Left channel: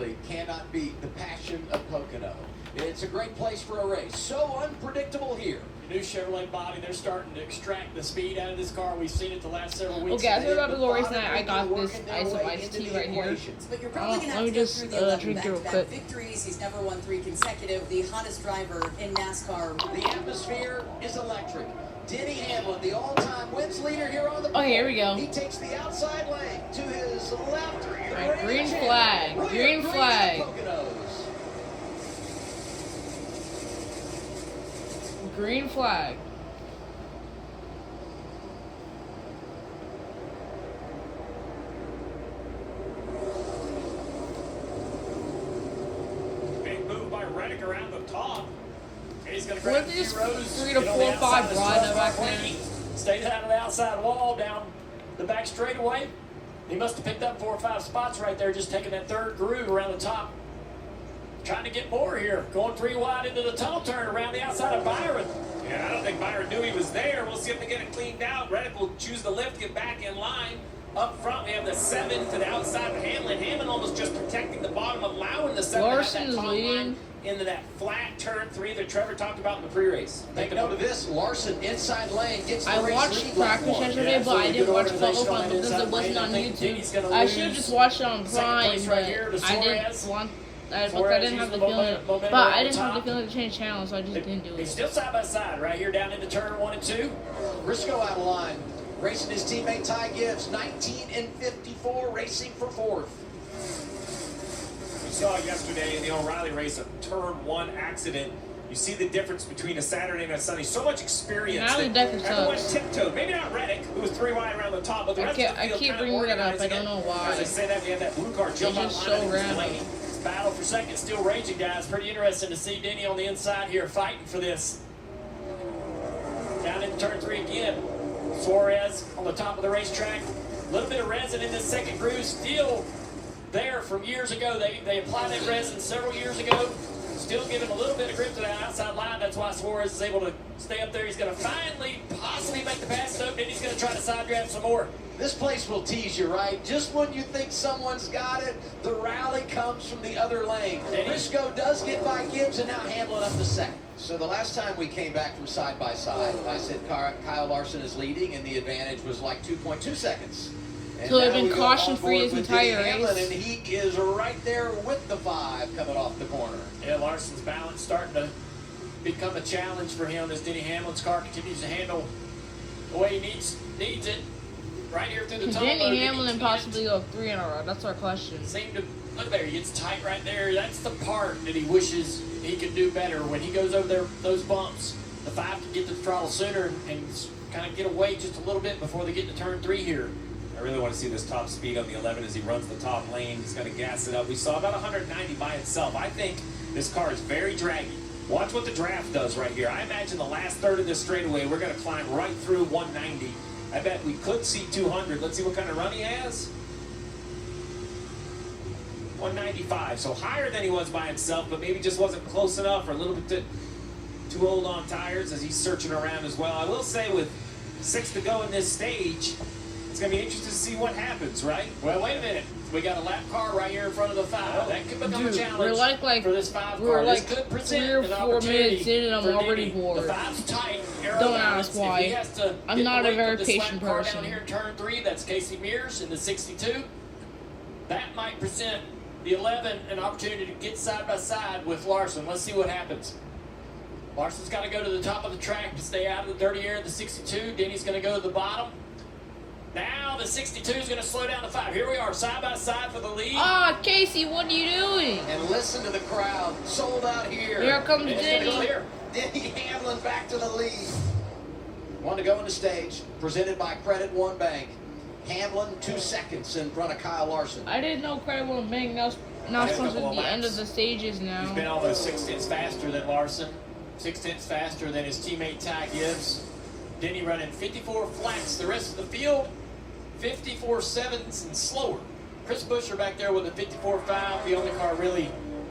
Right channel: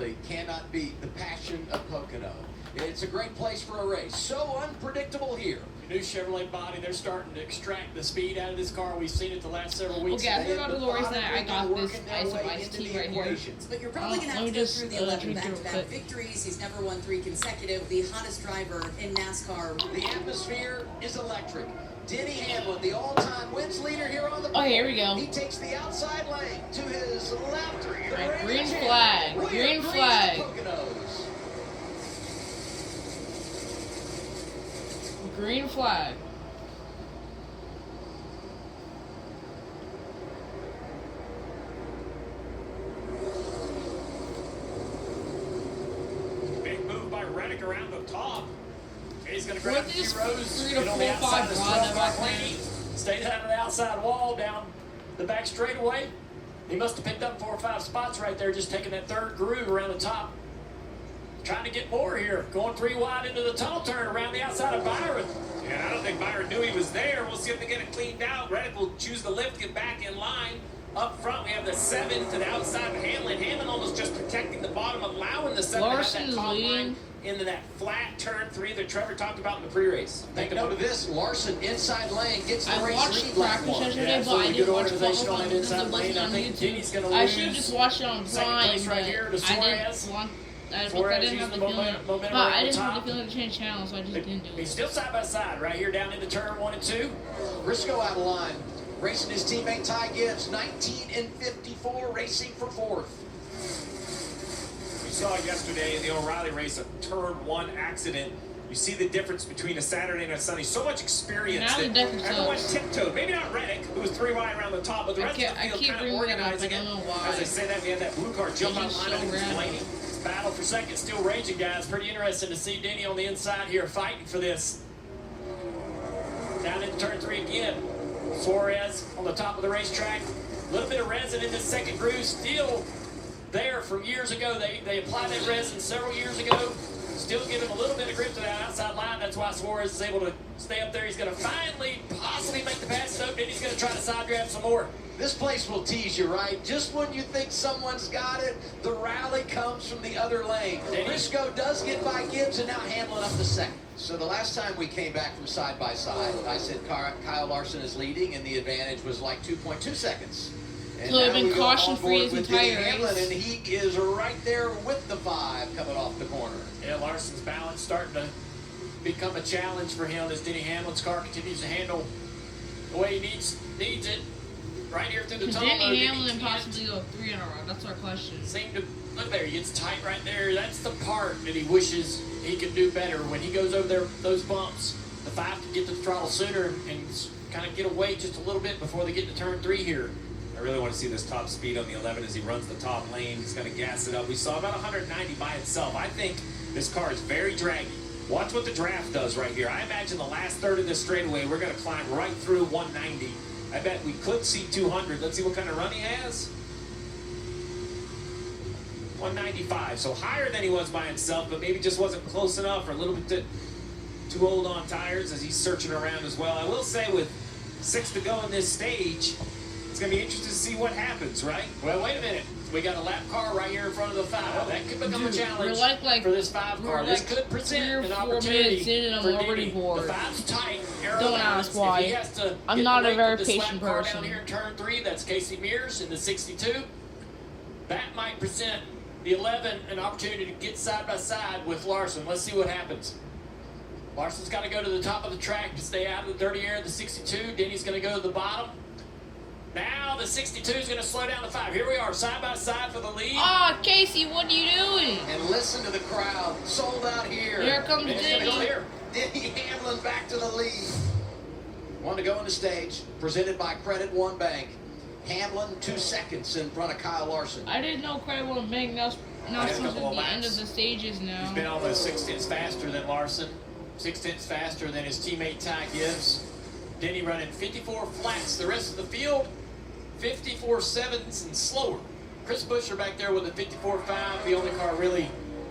simply cannot beat the passion of Pocono. It's a great place for a race. So unpredictable here. New Chevrolet body, they're starting to extract the speed out of this car. We've seen it the last several weeks. Okay, as we're about to go race night, I got this ice of iced tea right here. But you're probably going to have to go through the 11 back-to-back victories. He's never won 3 consecutive. The hottest driver in NASCAR. The atmosphere is electric. Denny Hamlin, the all-time wins leader here on the board. Oh, here we go. He takes the outside lane to his left. Right, green flag. Green flag. Green flag. Big move by Reddick around the top. He's going to grab Weren't these 2 rows. 3 to 4, 5 broad back there? Stayed out of the outside wall down the back straightaway. He must have picked up 4 or 5 spots right there, just taking that third groove around the top. Trying to get more here. Going 3 wide into the tunnel turn around the outside of Byron. Yeah, I don't think Byron knew he was there. We'll see if they get it cleaned out. Reddick will choose the lift, get back in line. Up front, we have the 7 to the outside of Hamlin. Hamlin almost just protecting the bottom, allowing the 7 Larson to is have that leading into that flat turn 3 that Trevor talked about in the pre-race. Take note of this. Larson inside lane gets the I race watched lead practice lap one. yesterday, but I didn't watch qualifying because it wasn't on Denny's YouTube. gonna I should have lose. just watched it on Second Prime, place but right here to I didn't Suarez. want. Because I Suarez didn't have the using the feeling, momentum but right I at didn't the have the top. feeling to change channel, so I just didn't do He's it. still side by side right here down into turn 1 and 2. Briscoe out of line. Racing his teammate Ty Gibbs. 19 and 54, racing for 4th. We saw yesterday in the O'Reilly race a turn 1 accident. You see the difference between a Saturday and a Sunday. So much experience. Now the that deck everyone sucks. tiptoed. Maybe not Reddick, who was 3 wide around the top, but the rest of the I field keep kind of bringing that up. organizing I don't it. know why. As I say that, we had that blue car jump out just line. so I think it was random. Blaney. Battle for second still raging, guys. Pretty interesting to see Denny on the inside here fighting for this. Down in turn 3 again. Suarez on the top of the racetrack. A little bit of resin in this second groove. Still there from years ago. They applied that resin several years ago. Still giving a little bit of grip to that outside line. That's why Suarez is able to stay up there. He's going to finally possibly make the pass. So then he's going to try to side grab some more. This place will tease you, right? Just when you think someone's got it, the rally comes from the other lane. Briscoe does get by Gibbs, and now Hamlin up to 2nd. So the last time we came back from side by side, I said Kyle Larson is leading, and the advantage was like 2.2 seconds. And So they've now been we go caution-free on his board with entire Denny Hamlin, race. and he is right there with the 5 coming off the corner. Yeah, Larson's balance starting to become a challenge for him as Denny Hamlin's car continues to handle the way he needs it. Right here through the Can tunnel. Denny Hamlin possibly go 3 in a row? That's our question. Seem to look there. He gets tight right there. That's the part that he wishes he could do better. When he goes over there, those bumps, the 5 can get to the throttle sooner and kind of get away just a little bit before they get to turn 3 here. I really want to see this top speed on the 11 as he runs the top lane. He's going to gas it up. We saw about 190 by itself. I think this car is very draggy. Watch what the draft does right here. I imagine the last third of this straightaway, we're going to climb right through 190. I bet we could see 200. Let's see what kind of run he has. 195, so higher than he was by himself, but maybe just wasn't close enough or a little bit too old on tires as he's searching around as well. I will say with 6 to go in this stage, it's going to be interesting to see what happens, right? Well, wait a minute. We got a lap car right here in front of the 5. That could become a challenge we're like for this 5 car. we're This like could present 3 or an 4 opportunity minutes in and I'm for already Denny. bored. The 5's tight. Don't ask why. I'm not a very patient person. Down here in turn 3, that's Casey Mears in the 62. That might present the 11 an opportunity to get side by side with Larson. Let's see what happens. Larson's got to go to the top of the track to stay out of the dirty air of the 62. Denny's going to go to the bottom. Now the 62 is going to slow down to 5. Here we are, side by side for the lead. Ah, Casey, what are you doing? And listen to the crowd. Sold out here. Here comes And it's gonna go Denny. here. Denny Hamlin back to the lead. One to go on the stage. Presented by Credit One Bank. Hamlin 2 seconds in front of Kyle Larson. I didn't know Craig One Bank now supposed to be the end of the stages He's now. been almost 6 tenths faster than Larson. 6 tenths faster than his teammate Ty Gibbs. Denny running 54 flats. The rest of the field, 54 sevens and slower. Chris Buescher back there with a 54.5. The only car really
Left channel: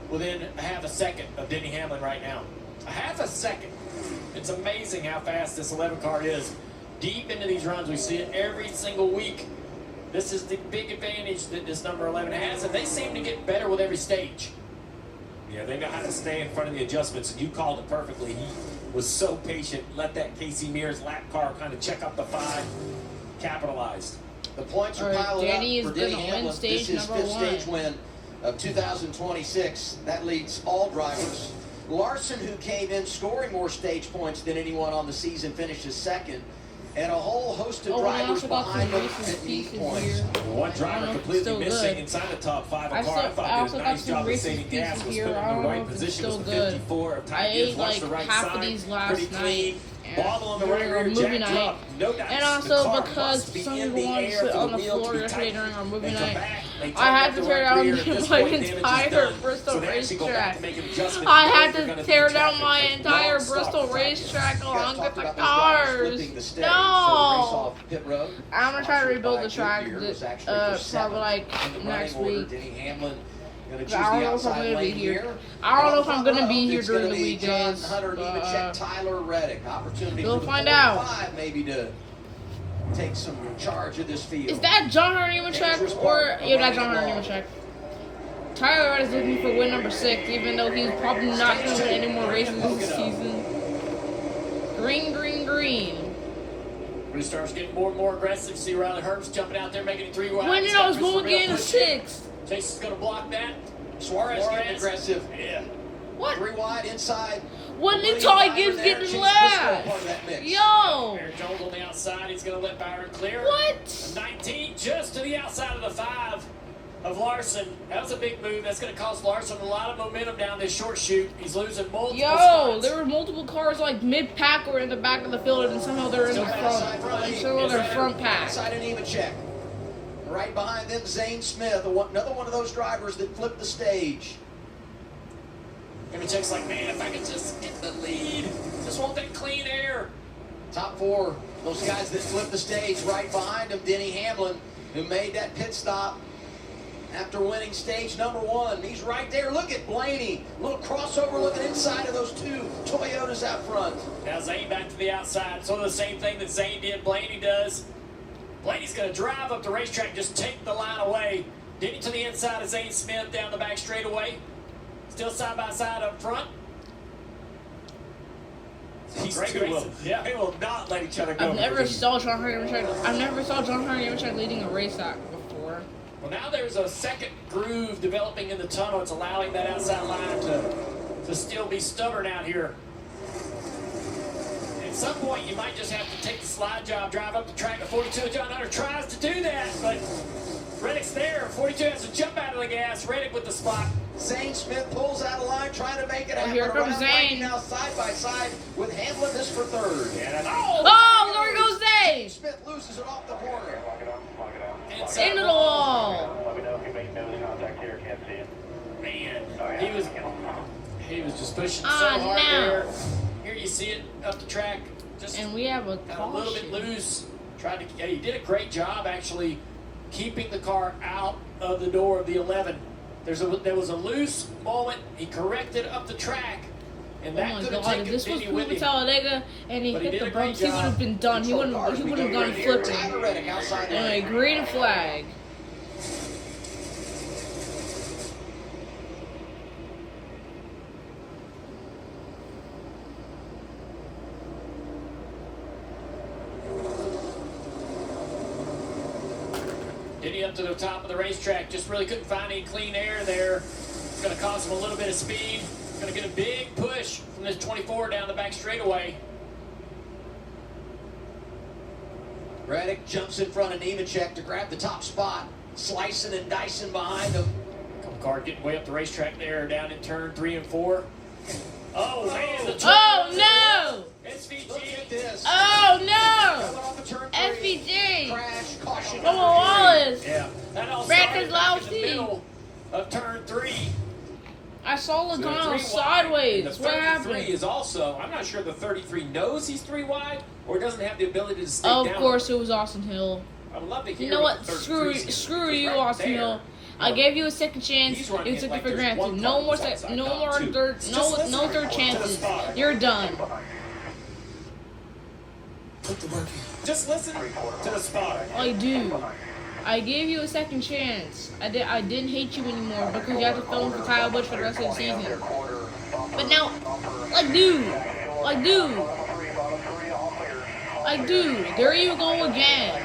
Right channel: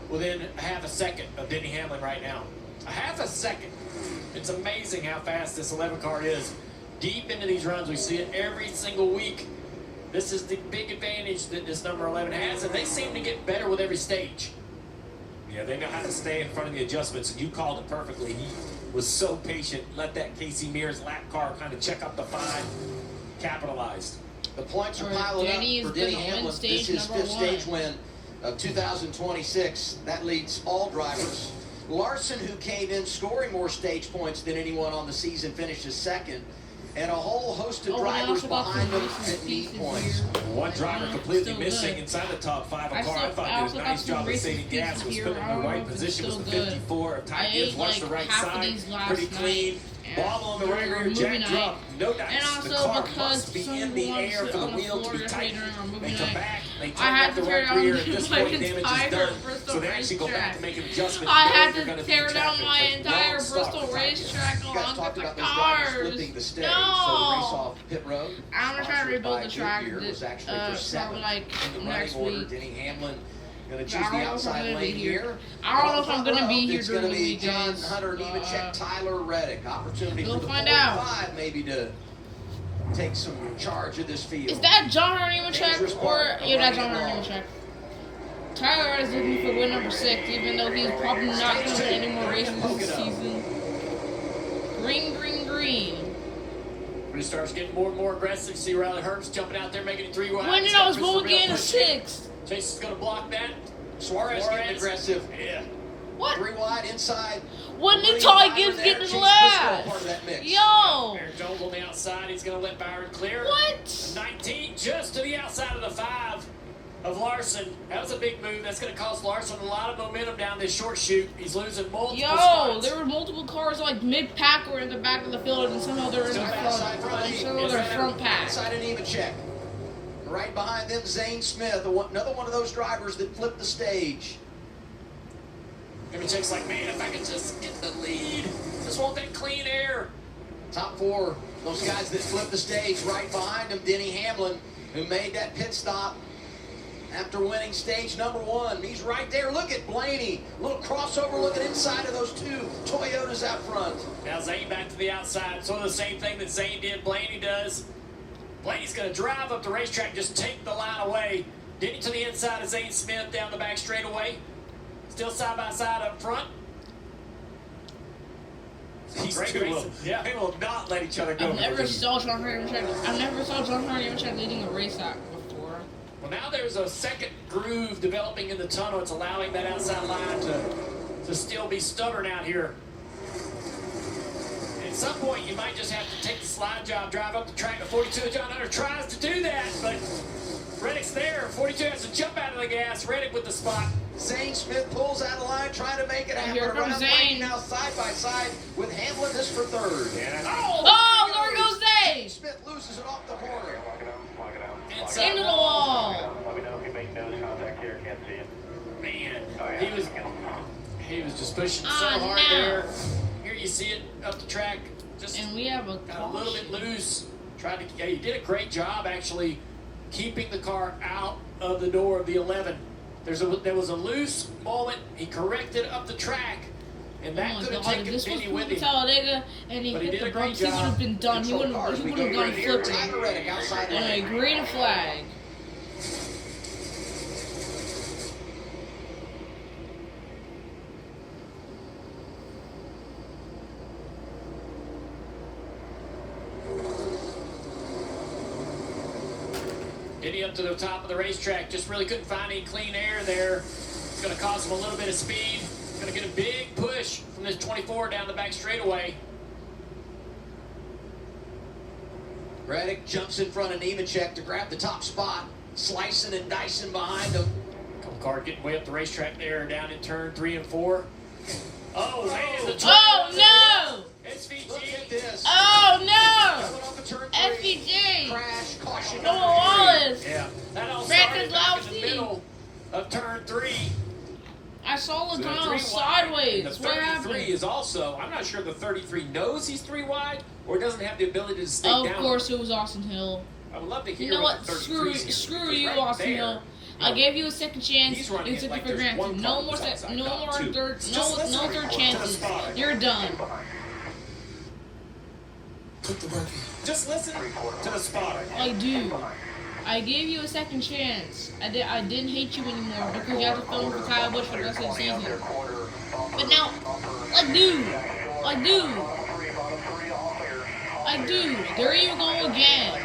within a half a second of Denny Hamlin right now. A half a second. It's amazing how fast this 11 car is. Deep into these runs, we see it every single week. This is the big advantage that this number 11 has, and they seem to get better with every stage. Yeah, they know how to stay in front of the adjustments, and you called it perfectly. He was so patient, let that Casey Mears lap car kind of check up the 5, capitalized. The points are All right, piling Danny up is for Denny gonna win Hamlin. stage This is number fifth one. stage win of 2026. That leads all drivers. Larson, who came in scoring more stage points than anyone on the season, finishes second. And a whole host of Oh, and I drivers also got behind some them Reese's that need Pieces points. here. One driver Still completely good. missing inside the top 5. I A car I also thought got did a nice some job of Reese's saving gas, Pieces was here. put I in don't the know right if it's position, was still the good. 54 of I tight ate ends, watched like the right half side, of these last pretty clean. night. Ball on the during right our rear, movie jack night. drop, no dice. And The also car because must be some in of the the ones air for on the the wheel to floor be yesterday tight. during our movie They come night, back, they I tighten had up to the tear right down rear. At this my point, damage is entire done. Bristol So they actually go back racetrack. to make an adjustment. I Know had they're to gonna tear be down traffic. my They entire won't stop Bristol the package. racetrack You guys along talked with the about those drivers cars. flipping the stage, so the race No! off pit road. I'm gonna try to rebuild the sponsored by track Goodyear, was actually for probably seventh like in the next running order. week. Denny Hamlin gonna choose I don't the know if I'm outside gonna be lane here. I don't know if I'm gonna be here during the week, John guys. Hunter, Nemechek, Tyler Reddick. Opportunity We'll for the find 45 maybe to take some charge of this field. Is that John Hunter Nemechek or yeah, that's John Hunter Nemechek? Tyler Reddick is looking for win number 6, even though he's probably not going to win any more races this season. Green, green, green. He starts getting more and more aggressive. See Riley Herbst jumping out there, making it 3 wide. When did I was going to get a 6? Chase is going to block that. Suarez getting aggressive. Yeah. What? 3 wide inside. When did William Ty Byron Gibbs there. get Chase the Briscoe last? part of that mix. Yo! Aaron Jones on the outside. He's going to let Byron clear. What? 19 just to the outside of the 5 of Larson. That was a big move. That's going to cost Larson a lot of momentum down this short shoot. He's losing multiple Yo, spots. there were multiple cars like mid-pack or in the back of the field, and somehow they're in the front. And somehow they're front pack. Outside of Nemechek. Right behind them, Zane Smith, another one of those drivers that flipped the stage. Nemechek's like, man, if I could just get the lead. Just want that clean air. Top 4, those guys that flipped the stage. Right behind him, Denny Hamlin, who made that pit stop after winning stage number 1. He's right there. Look at Blaney. Little crossover looking inside of those 2 Toyotas out front. Now Zane back to the outside. Sort of the same thing that Zane did, Blaney does. Blaney's going to drive up the racetrack, just take the line away. Denny to the inside of Zane Smith down the back straightaway. Still side by side up front. These Great two will, racing. Yeah. they will not let each other go. I've for the never lead. saw John Hunter Nemechek leading a race out before. Well, now there's a second groove developing in the tunnel. It's allowing that outside line to still be stubborn out here. At some point, you might just have to take the slide job, drive up the track. The 42 John Hunter tries to do that, but Reddick's there. 42 has to jump out of the gas. Reddick with the spot. Zane Smith pulls out of line, trying to make it happen. Here comes Around Zane. Blaney now side by side with Hamlin. This for 3rd. Yeah, Oh, there goes Zane! Smith loses it off the corner. Into the wall. Let me know if you make nose contact here. Can't see it. Man, he was just pushing so Ah, hard no. there. Here you see it up the track, just And we have a got a little bit caution. loose. Tried to, yeah, he did a great job actually keeping the car out of the door of the 11. There was a loose moment. He corrected up the track, and Oh that my could have god, taken if this was Denny with Proven him. Talladega and he But he hit did the a great bumps, he would job. have been done. He would have gone flipping. Tyler Reddick outside Anyway, lane. green flag. Denny up to the top of the racetrack, just really couldn't find any clean air there. It's going to cost him a little bit of speed. Going to get a big push from this 24 down the back straightaway. Reddick jumps in front of Nemechek to grab the top spot. Slicing and dicing behind him. Car getting way up the racetrack there, down in turn 3 and 4. Oh, man, the turn. Oh no! Look SVG. at this. Oh Coming no! off of turn 3. SVG! Crash, caution. Come number on, Wallace! Yeah, that all Brad started back in the Keselowski. middle of turn 3. I saw the So tunnel 3 wide, sideways. and the What 33 happened? is also, I'm not sure the 33 knows he's 3 wide or doesn't have the ability to stay Of down. course, it was Austin Hill. I would love to hear You know what? the Screw 33 is, screw because you, right Austin there, Hill. I gave you a second chance. He's running You it took like it for there's granted. one No car more, outside, no not more two. third, Just no listen third to the chances. spot. You're done. Just listen to the spot. I do. I gave you a second chance. I didn't hate you anymore because you have to film for Kyle Busch for the rest of the season. But now, dude, there you go again.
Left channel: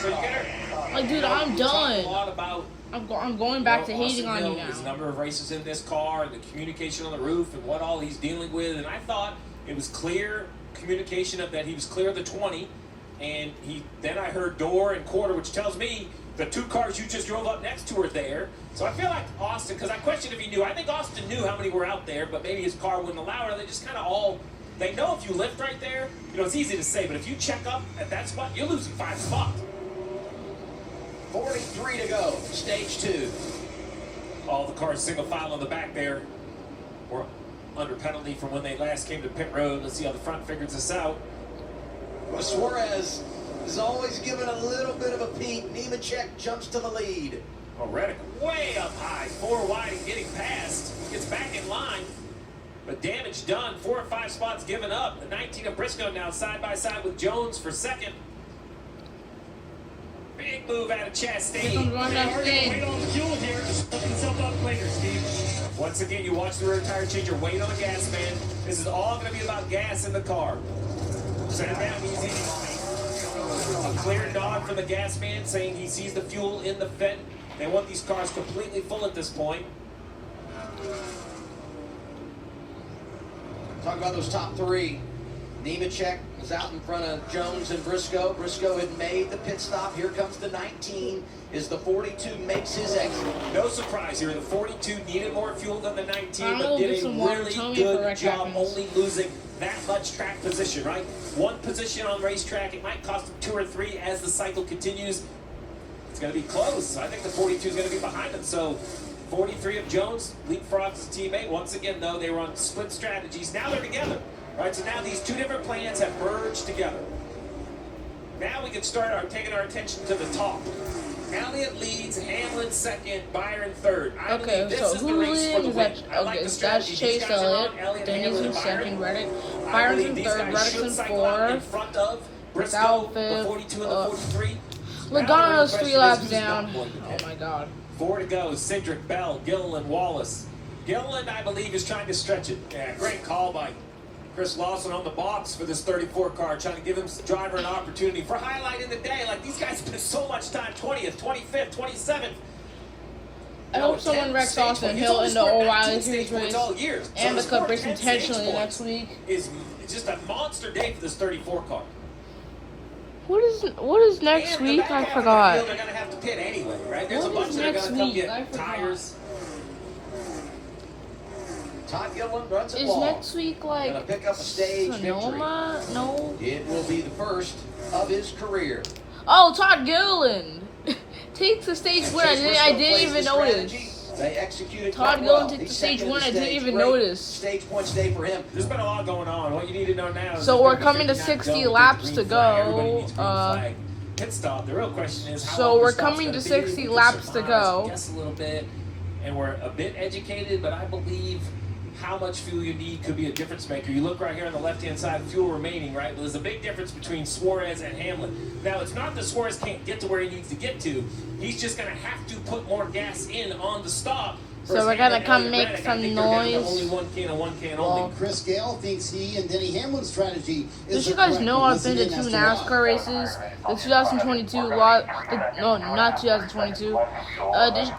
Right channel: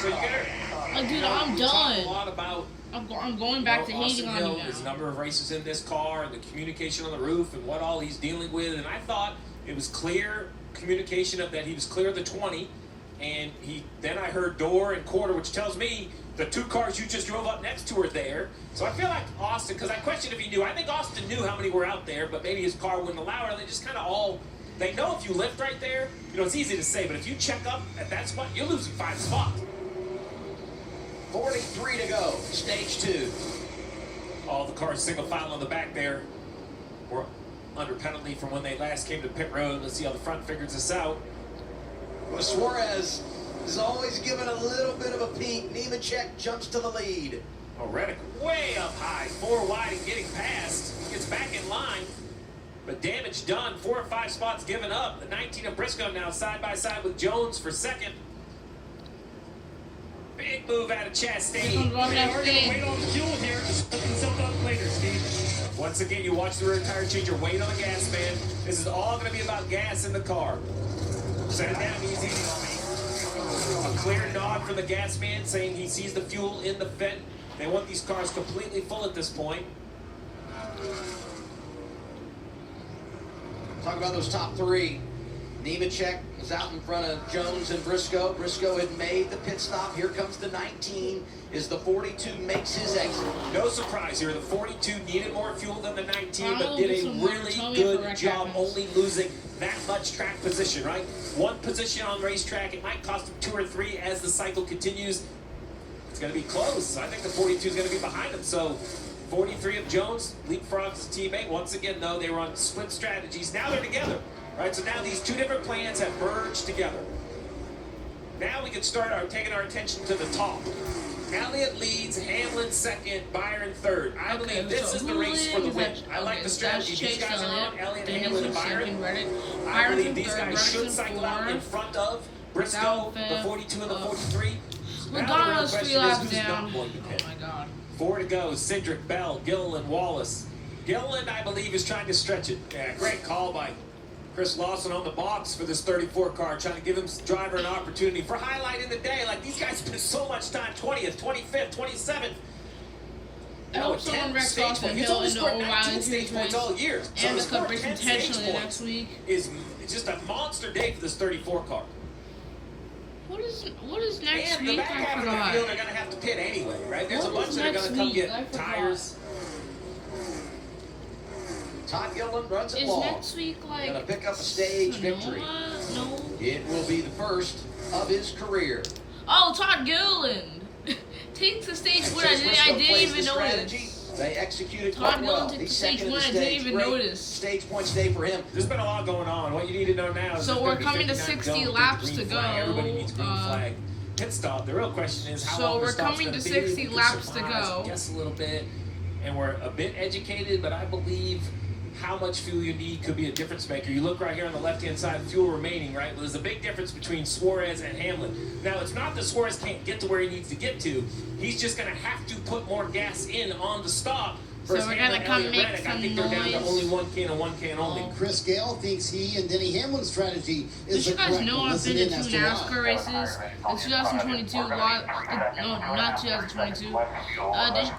So you gotta, Dude, I'm we talk done. A lot about I'm going back to hating on you His now. number of races in this car, and the communication on the roof, and what all he's dealing with. And I thought it was clear communication of that he was clear of the 20, and then I heard door and quarter, which tells me the 2 cars you just drove up next to are there. So I feel like Austin, because I questioned if he knew. I think Austin knew how many were out there, but maybe his car wouldn't allow it. They just kind of all. They know if you lift right there, it's easy to say, but if you check up at that spot, you're losing 5 spots. 43 to go, stage 2. All the cars single file on the back there were under penalty from when they last came to pit road. Let's see how the front figures this out. Well, Suarez is always given a little bit of a peek. Nemechek jumps to the lead. Oh, Reddick way up high, 4 wide and getting past. Gets back in line, but damage done. 4 or 5 spots given up. The 19 of Briscoe now side by side with Jones for second. Big move out of Chastain. Once again, you watch the rear tire change your weight on the gas, man. This is all going to be about gas in the car. Set it down easy. A clear nod from the gas man saying he sees the fuel in the vent. They want these cars completely full at this point. Talk about those top 3. Nemechek is out in front of Jones and Briscoe. Briscoe had made the pit stop. Here comes the 19 as the 42 makes his exit. No surprise here. The 42 needed more fuel than the 19, but I'll did get a some more. really Tell me if good the wreck job happens. only losing that much track position, right? 1 position on the racetrack. It might cost him 2 or 3 as the cycle continues. It's going to be close. I think the 42 is going to be behind him. So 43 of Jones leapfrogs his teammate. Once again, though, they were on split strategies. Now they're together. Right, so now these 2 different plans have merged together. Now we can start taking our attention to the top. Elliott leads, Hamlin second, Byron third. I believe this is the race for the win. I like the strategy. That's These Chase guys are on Elliott. Elliott, Then he's Hamlin, in and Byron. second. Reddick. I Byron's believe in these third. guys Reddick's should in cycle out in fourth. front of Briscoe, Without the fifth. 42 and the 43. Logano's 3 laps down. Not going to pit. Oh my god. 4 to go. Cindric, Bell, Gilliland, Wallace. Gilliland, I believe, is trying to stretch it. Yeah, great call by Chris Lawson on the box for this 34 car, trying to give him driver an opportunity for highlight in the day. Like, these guys spend so much time, 20th, 25th, 27th. I hope someone wrecks Austin Hill in the O'Reilly Series race and the Cup race intentionally next week. It's just a monster day for this 34 car. What is next And the week? back I half of the forgot. field, they're going to have to pit anyway, right? There's What a bunch is that are next going to come week? I get forgot. tires. Todd Gilliland runs it Is long. next week like Gonna pick up a stage Sonoma? No. It will be the first of his career. Oh, Todd Gilliland takes the stage win. I didn't even notice. They executed Todd quite Gilliland well. took He's the stage second in one. the I didn't stage. even Great notice. Stage points day for him. There's been a lot going on. What you need to know now is So there's we're gonna be coming to 59 60 zones with laps green to flag. go. Everybody needs green flag. Pit stop. The real question is how So long we're the stop's coming gonna to be. 60 We can laps to surmise, go. Guess a little bit, and we're a bit educated, but I believe how much fuel you need could be a difference maker. You look right here on the left-hand side, fuel remaining, right? Well, there's a big difference between Suarez and Hamlin. Now, it's not that Suarez can't get to where he needs to get to. He's just going to have to put more gas in on the stop. So we're gonna come make I some think they're down to noise. only one can and one can only. Well, Chris Gale thinks he and Denny Hamlin's strategy is Did you the guys correct know one. I've been to Listen 2 in as to why. NASCAR races? The 2022 no, not 2022.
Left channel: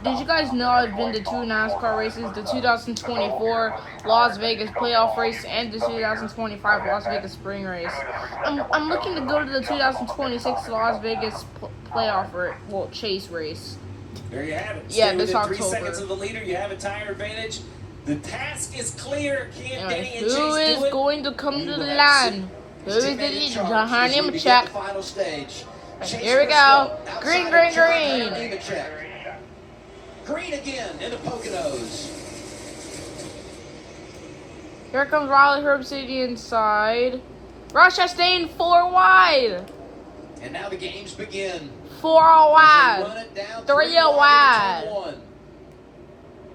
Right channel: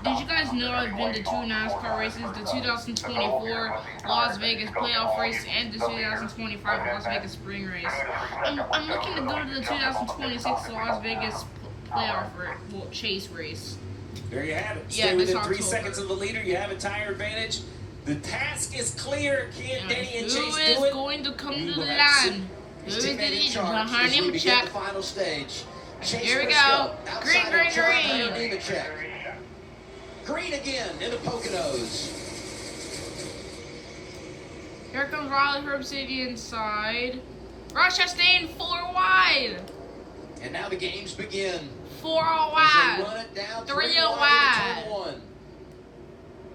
Did you guys know I've been to 2 NASCAR races? The 2024 Las Vegas playoff race and the 2025 Las Vegas spring race. I'm looking to go to the 2026 Las Vegas playoff chase race. There you have it. Yeah, Stay this within 3 October. seconds of the leader. You have a tire advantage. The task is clear. Can Denny and Chase Who do is it? going to come He to the will have line? Who his is the teammate in leader? charge John as Harney we begin check. the final stage. Chase Here we go. Briscoe Green, outside green, of John green. Hunter Nemechek. Green again in the Poconos. Here comes Riley Herb City inside. Ross Chastain 4 wide. And now the games begin. 4 As they wide. run it down 3 wide into wide. turn 1.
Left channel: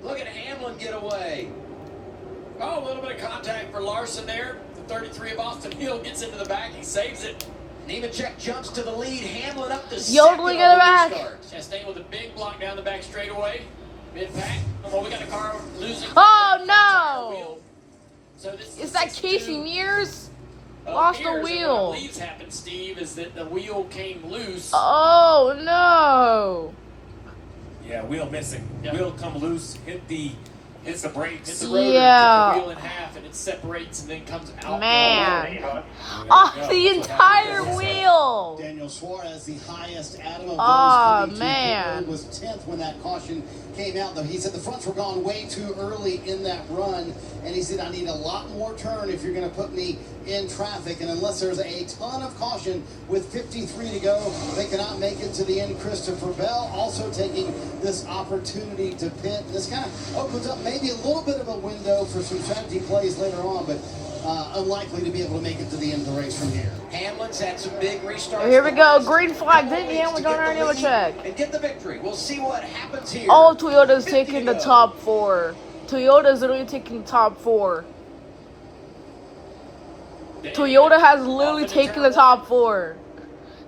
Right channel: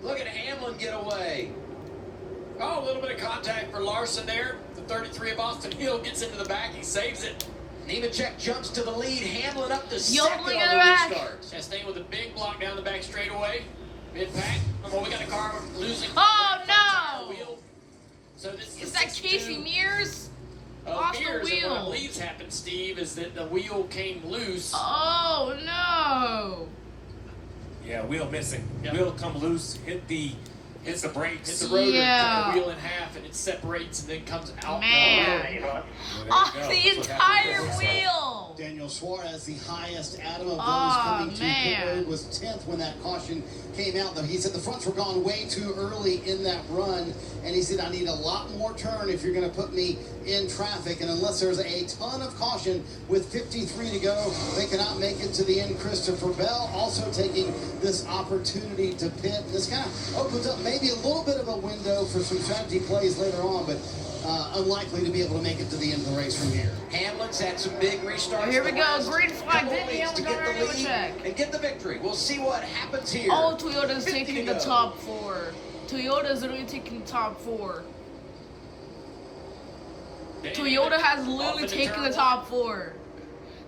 Look at Hamlin get away. Oh, a little bit of contact for Larson there. The 33 of Austin Hill gets into the back. He saves it. Nemechek jumps to the lead. Hamlin up to Yodeling second in the on back. restart. Chastain with a big block down the back straightaway. Mid-pack. Well, we got a car losing. Oh, no. Wheel. So this Is that Casey Mears? of Lost the Mears, and wheel. What I believe happened, Steve, is that the wheel came loose. Oh, no. Yeah, wheel missing. Yeah. Wheel come loose, hits the brakes. Hits the rotor, Yeah. cut the wheel in half, and it separates and then comes out. Man. There Off you go. the That's what happened entire there. wheel. Daniel Suarez, the highest Adam of those Aw, coming to pit man. road, was 10th when that caution came out. Though he said the fronts were gone way too early in that run, and he said I need a lot more turn if you're going to put me in traffic. And unless there's a ton of caution with 53 to go, they cannot make it to the end. Christopher Bell also taking this opportunity to pit. This kind of opens up maybe a little bit of a window for some strategy plays later on, but unlikely to be able to make it to the end of the race from here. Hamlin's had some big restarts. Here we the go. last Green flag. couple Didn't weeks Hamlin to go get down the here? lead Check. and get the victory. We'll see what happens here. All Toyota's 50 taking to the go. top 4. Toyota's literally taking top 4. Toyota has literally taken the top 4.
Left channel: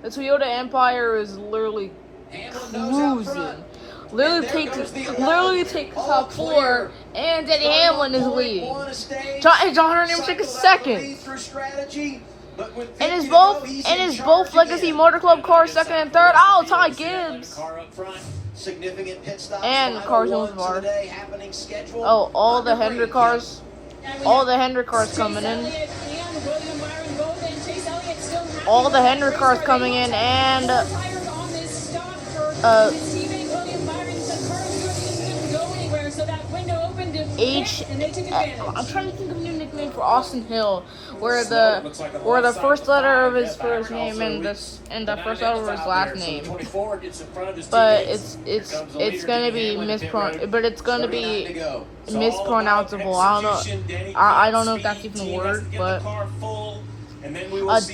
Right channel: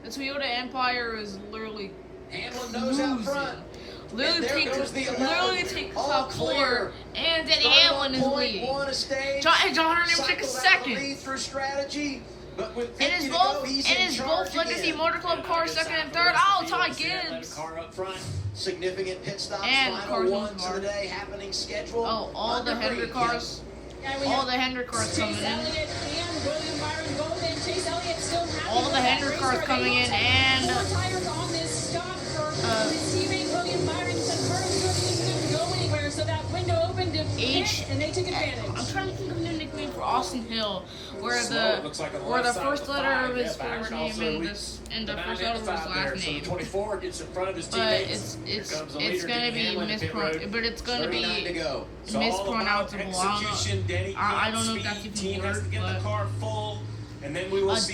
The Toyota Empire is literally Hamlin knows out cruising. front. Literally And there takes goes the literally 11. takes All top clear. 4, and Denny Hamlin is leading. 31.1 a stage. John Hunter Nemechek is Cycled out the second. lead through strategy, but with And 50 is to both go, he's and in is charge both Legacy again. Motor Club cars second and third. Oh, Ty Gibbs. Car up front. Significant pit stops. And final cars on ones bar. of the day happening scheduled. Oh, all the Under Hendrick green. cars. All the Hendrick cars coming in. All the Hendrick cars coming in, and I'm trying to think of a new nickname for Austin Hill, where the first letter of his first name and the first letter of his last name. 24 gets in front of his But teammates. it's gonna be mispronounceable. I don't know if that's even a word, but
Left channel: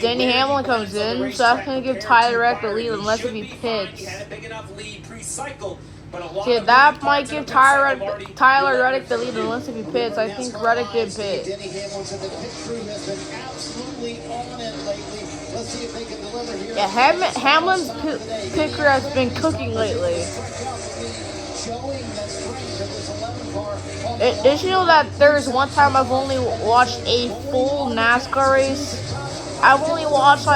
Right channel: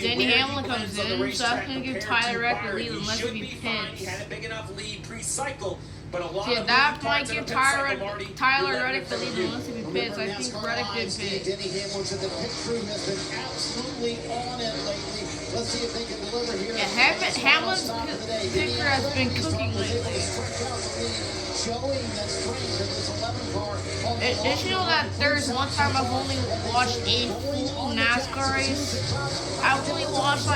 Denny Hamlin comes in, so that's gonna give Tyler Reddick the lead unless he pits. See, that might give Tyler Reddick the lead unless he pits. I think Reddick did pit. Denny Hamlin said the pit crew has been absolutely on it lately. Let's see if they can deliver here. Yeah, Hamlin's pit crew has been cooking lately. Showing that strength of this 11 car. Did you know that there's one time I've only watched a full NASCAR race? I've only watched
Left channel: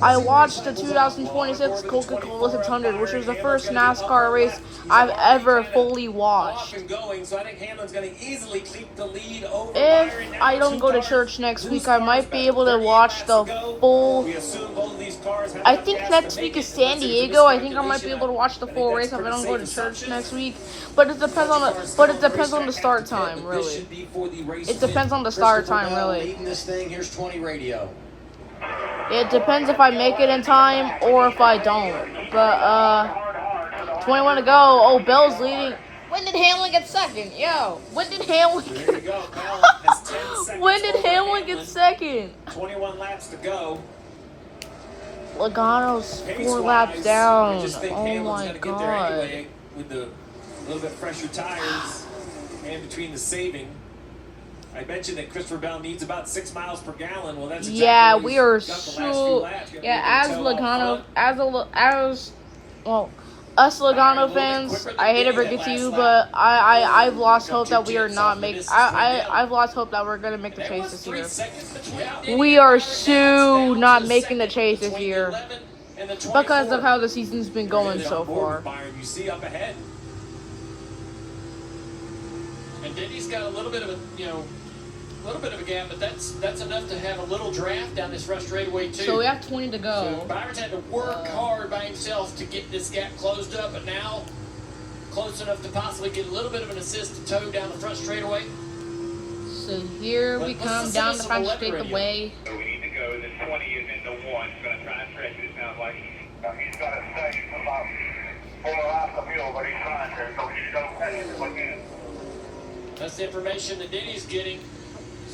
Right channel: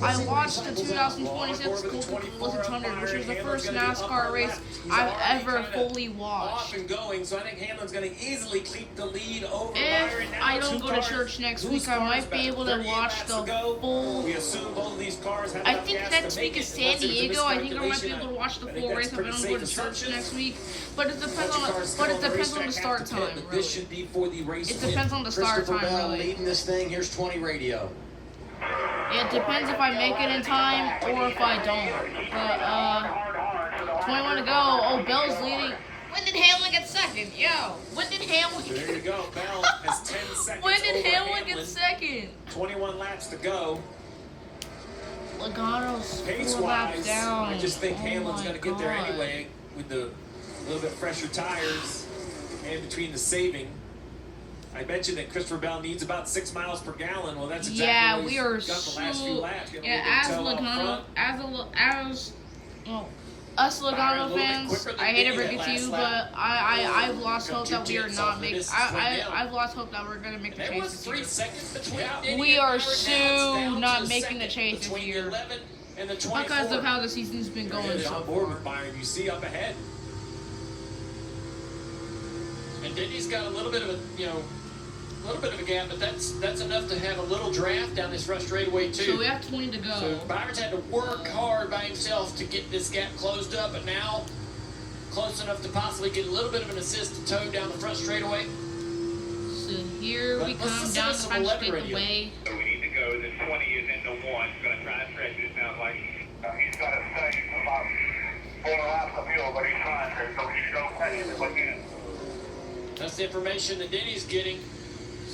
I watched the 2026 Coca-Cola 600, which was the first NASCAR race I've ever fully watched. So I think Hamlin's going to easily keep the lead over If Byron. Now I don't two go to cars, church next loose week, I cars might be back. able to 38 watch laps the to go. full. We assume both of these cars have I enough think gas next to week make is it San unless it's a Diego. I think I might be miscalculation. able to watch the I think full that's race if I pretty don't go to safe church assumption. next week. But it depends on the start time, This really. should be for the race It depends on the start Christopher time, Bell really. leading this thing. Here's 20 radio. It depends if I make it in time or if I don't. But 21 to go. Oh, Bell's leading. When did Hamlin get second? Yo, when did Hamlin? There you go. Bell has 10 seconds When did over Hamlin get second? 21 laps to go. Logano's 4 Pace-wise, laps down. I just think Oh Hamlin's my going to get there God. anyway with the little bit fresher tires and between the saving. I mentioned that Christopher Bell needs about 6 miles per gallon. Well, that's exactly Yeah, what we he's are done the last few so. laps. Got a Yeah, little bit of toe out front. Us Logano fans, I hate to break it to you, but I've lost hope that we are not making. I've lost hope that we're gonna make the There chase was this 3 year. seconds between We are so not making the chase this between year 11 and the because of 24. how the season's been going Really so on board far. with Byron. You see up ahead. And Denny's got a little bit of a gap, but that's enough to have a little draft down this rush straightaway too. So we have 20 to So go. Byron's had to work hard by himself to get this gap closed up, but now close enough to possibly get a little bit of an assist to tow down the front straightaway. So here we But let's come listen down to the some front weather straight radio. away. So we need to go. The 20 is into 1. He's going to try and stretch it. It sounds like he's got to stay about 4 laps of fuel, but he's trying to. So we should go fast as we can. That's the information that Denny's getting.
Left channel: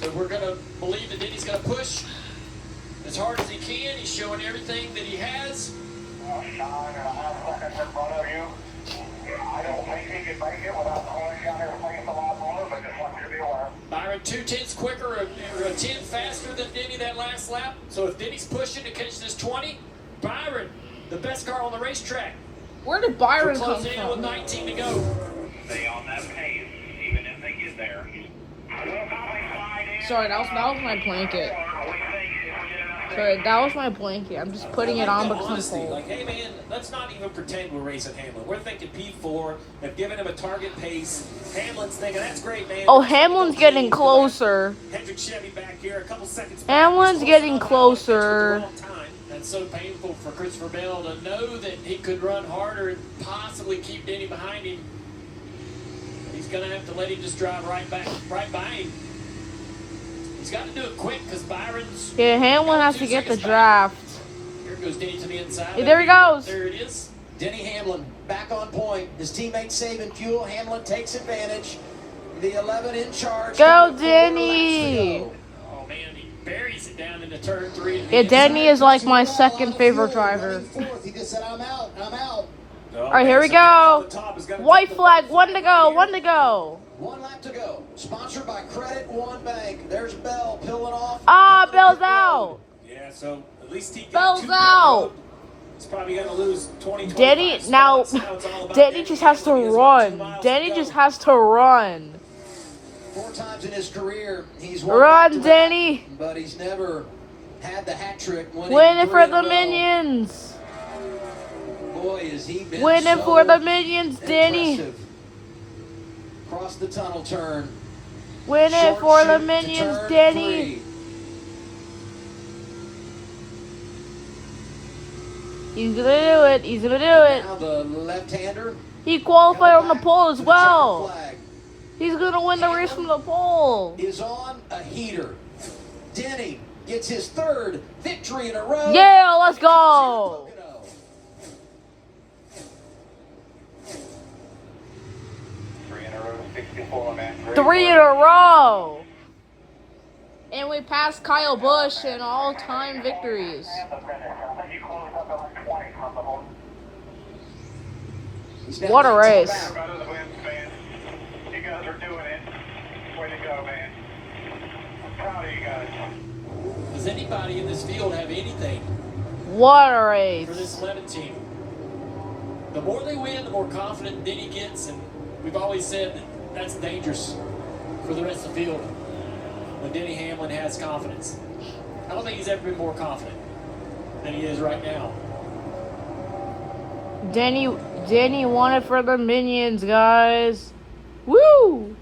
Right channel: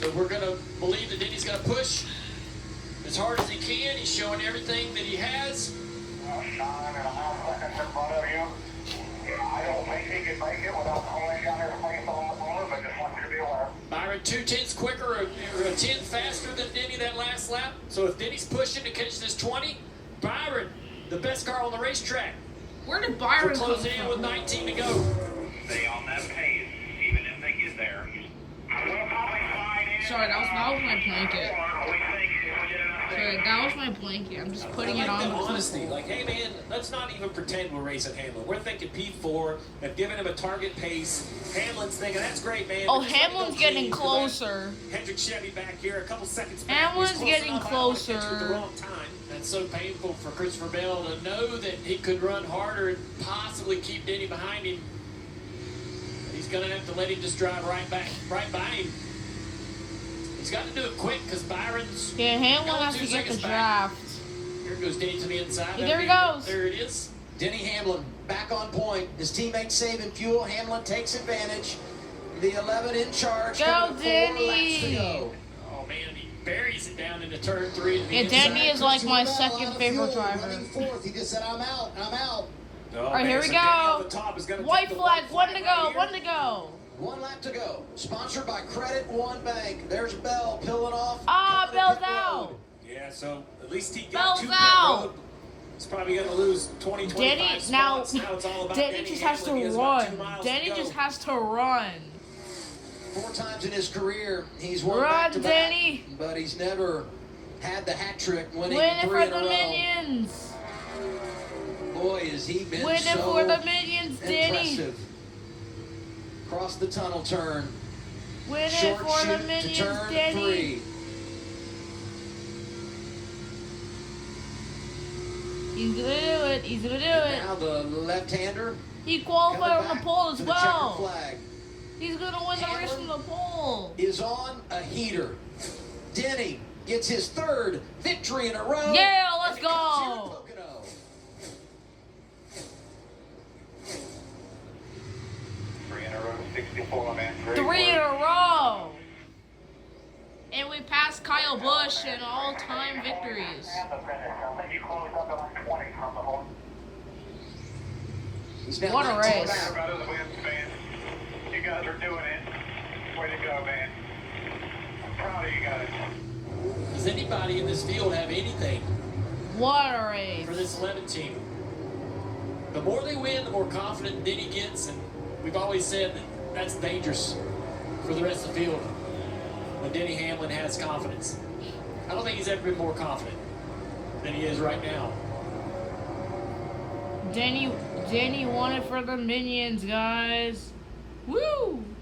So we're going to believe that Denny's going to push as hard as he can. He's showing everything that he has. 9.5 seconds in front of you. I don't think he can make it without pulling down his pace a lot more, but just want you to be aware. Byron Byron 2/10 quicker or a 10 faster than Denny that last lap. So if Denny's pushing to catch this 20, Byron, the best car on the racetrack. Where did We're Byron come closing in with from? 19 to go. Stay on that pace, even if they get there. We'll probably slide in. Sorry, that was my blanket. We think if we get enough Sorry, that was my blanket. I'm just putting it on the because honesty. it's cold. Like, hey man, let's not even pretend we're racing Hamlin. We're thinking P4. They've given him a target pace. Hamlin's thinking that's great, man. Oh, Just let me go Hamlin's clean, getting 'cause closer. Hendrick Chevy back here, a couple seconds back. Hamlin's He's close getting enough out, but it's with the closer. wrong time. That's so painful for Christopher Bell to know that he could run harder and possibly keep Denny behind him. But he's going to have to let him just drive right by him. He's got to do it quick because Byron's. Yeah, Hamlin got has 2 to get the seconds back. draft. Here goes Denny to the inside. Hey, there he goes. There it is. Denny Hamlin back on point. His teammates saving fuel. Hamlin takes advantage. The 11 in charge. Go, Coming 4 Denny. laps to go. Oh man, he buries it down into turn 3. To the Yeah, inside. Denny is like my Well, second out of favorite fuel, driver. running fourth. He just said, I'm out. Oh, All right, here we so Denny on go. the top is gonna White take the flag, white one to flag go, right one here. to go. 1 lap to go. Sponsored by Credit One Bank. There's Bell peeling off. Ah, Coming to Bell's pit road. out. Yeah, so at least he got Bell's 2 pit out. road. He's probably going to lose 20, 25 Denny, now, spots. Now it's all about Denny just has to Hamlin. He has about 2 run. miles Denny to just go. has to run. 4 times in his career, he's won Run, back-to-back, Denny. but he's never had the hat trick. Winning Win it 3 for in a the row. minions. Boy, has he been Win it so for the minions, Denny. impressive. Across the tunnel turn. Win it Short for the chute to minions, turn Denny. 3. He's gonna do it. He's gonna do it. Now the left-hander. He qualified on coming the pole as back to the checkered well. flag. He's gonna win the race from the pole. Is on a heater. Denny gets his 3rd victory in a row. Yeah, let's And it comes here go. at Pocono. 3 in a row, 64, man. Great 3 in work. a row. And we passed Kyle Busch in all-time victories. And the finish. I think you closed up at like 20 from the whole. He's now What a 19 race. back. About his wins, man. You guys are doing it. Way to go, man. I'm proud of you guys. Does anybody in this field have anything What a for race. this 11 team? The more they win, the more confident Denny gets, and we've always said that that's dangerous for the rest of the field when Denny Hamlin has confidence. I don't think he's ever been more confident than he is right now. Denny won it for the minions, guys. Woo!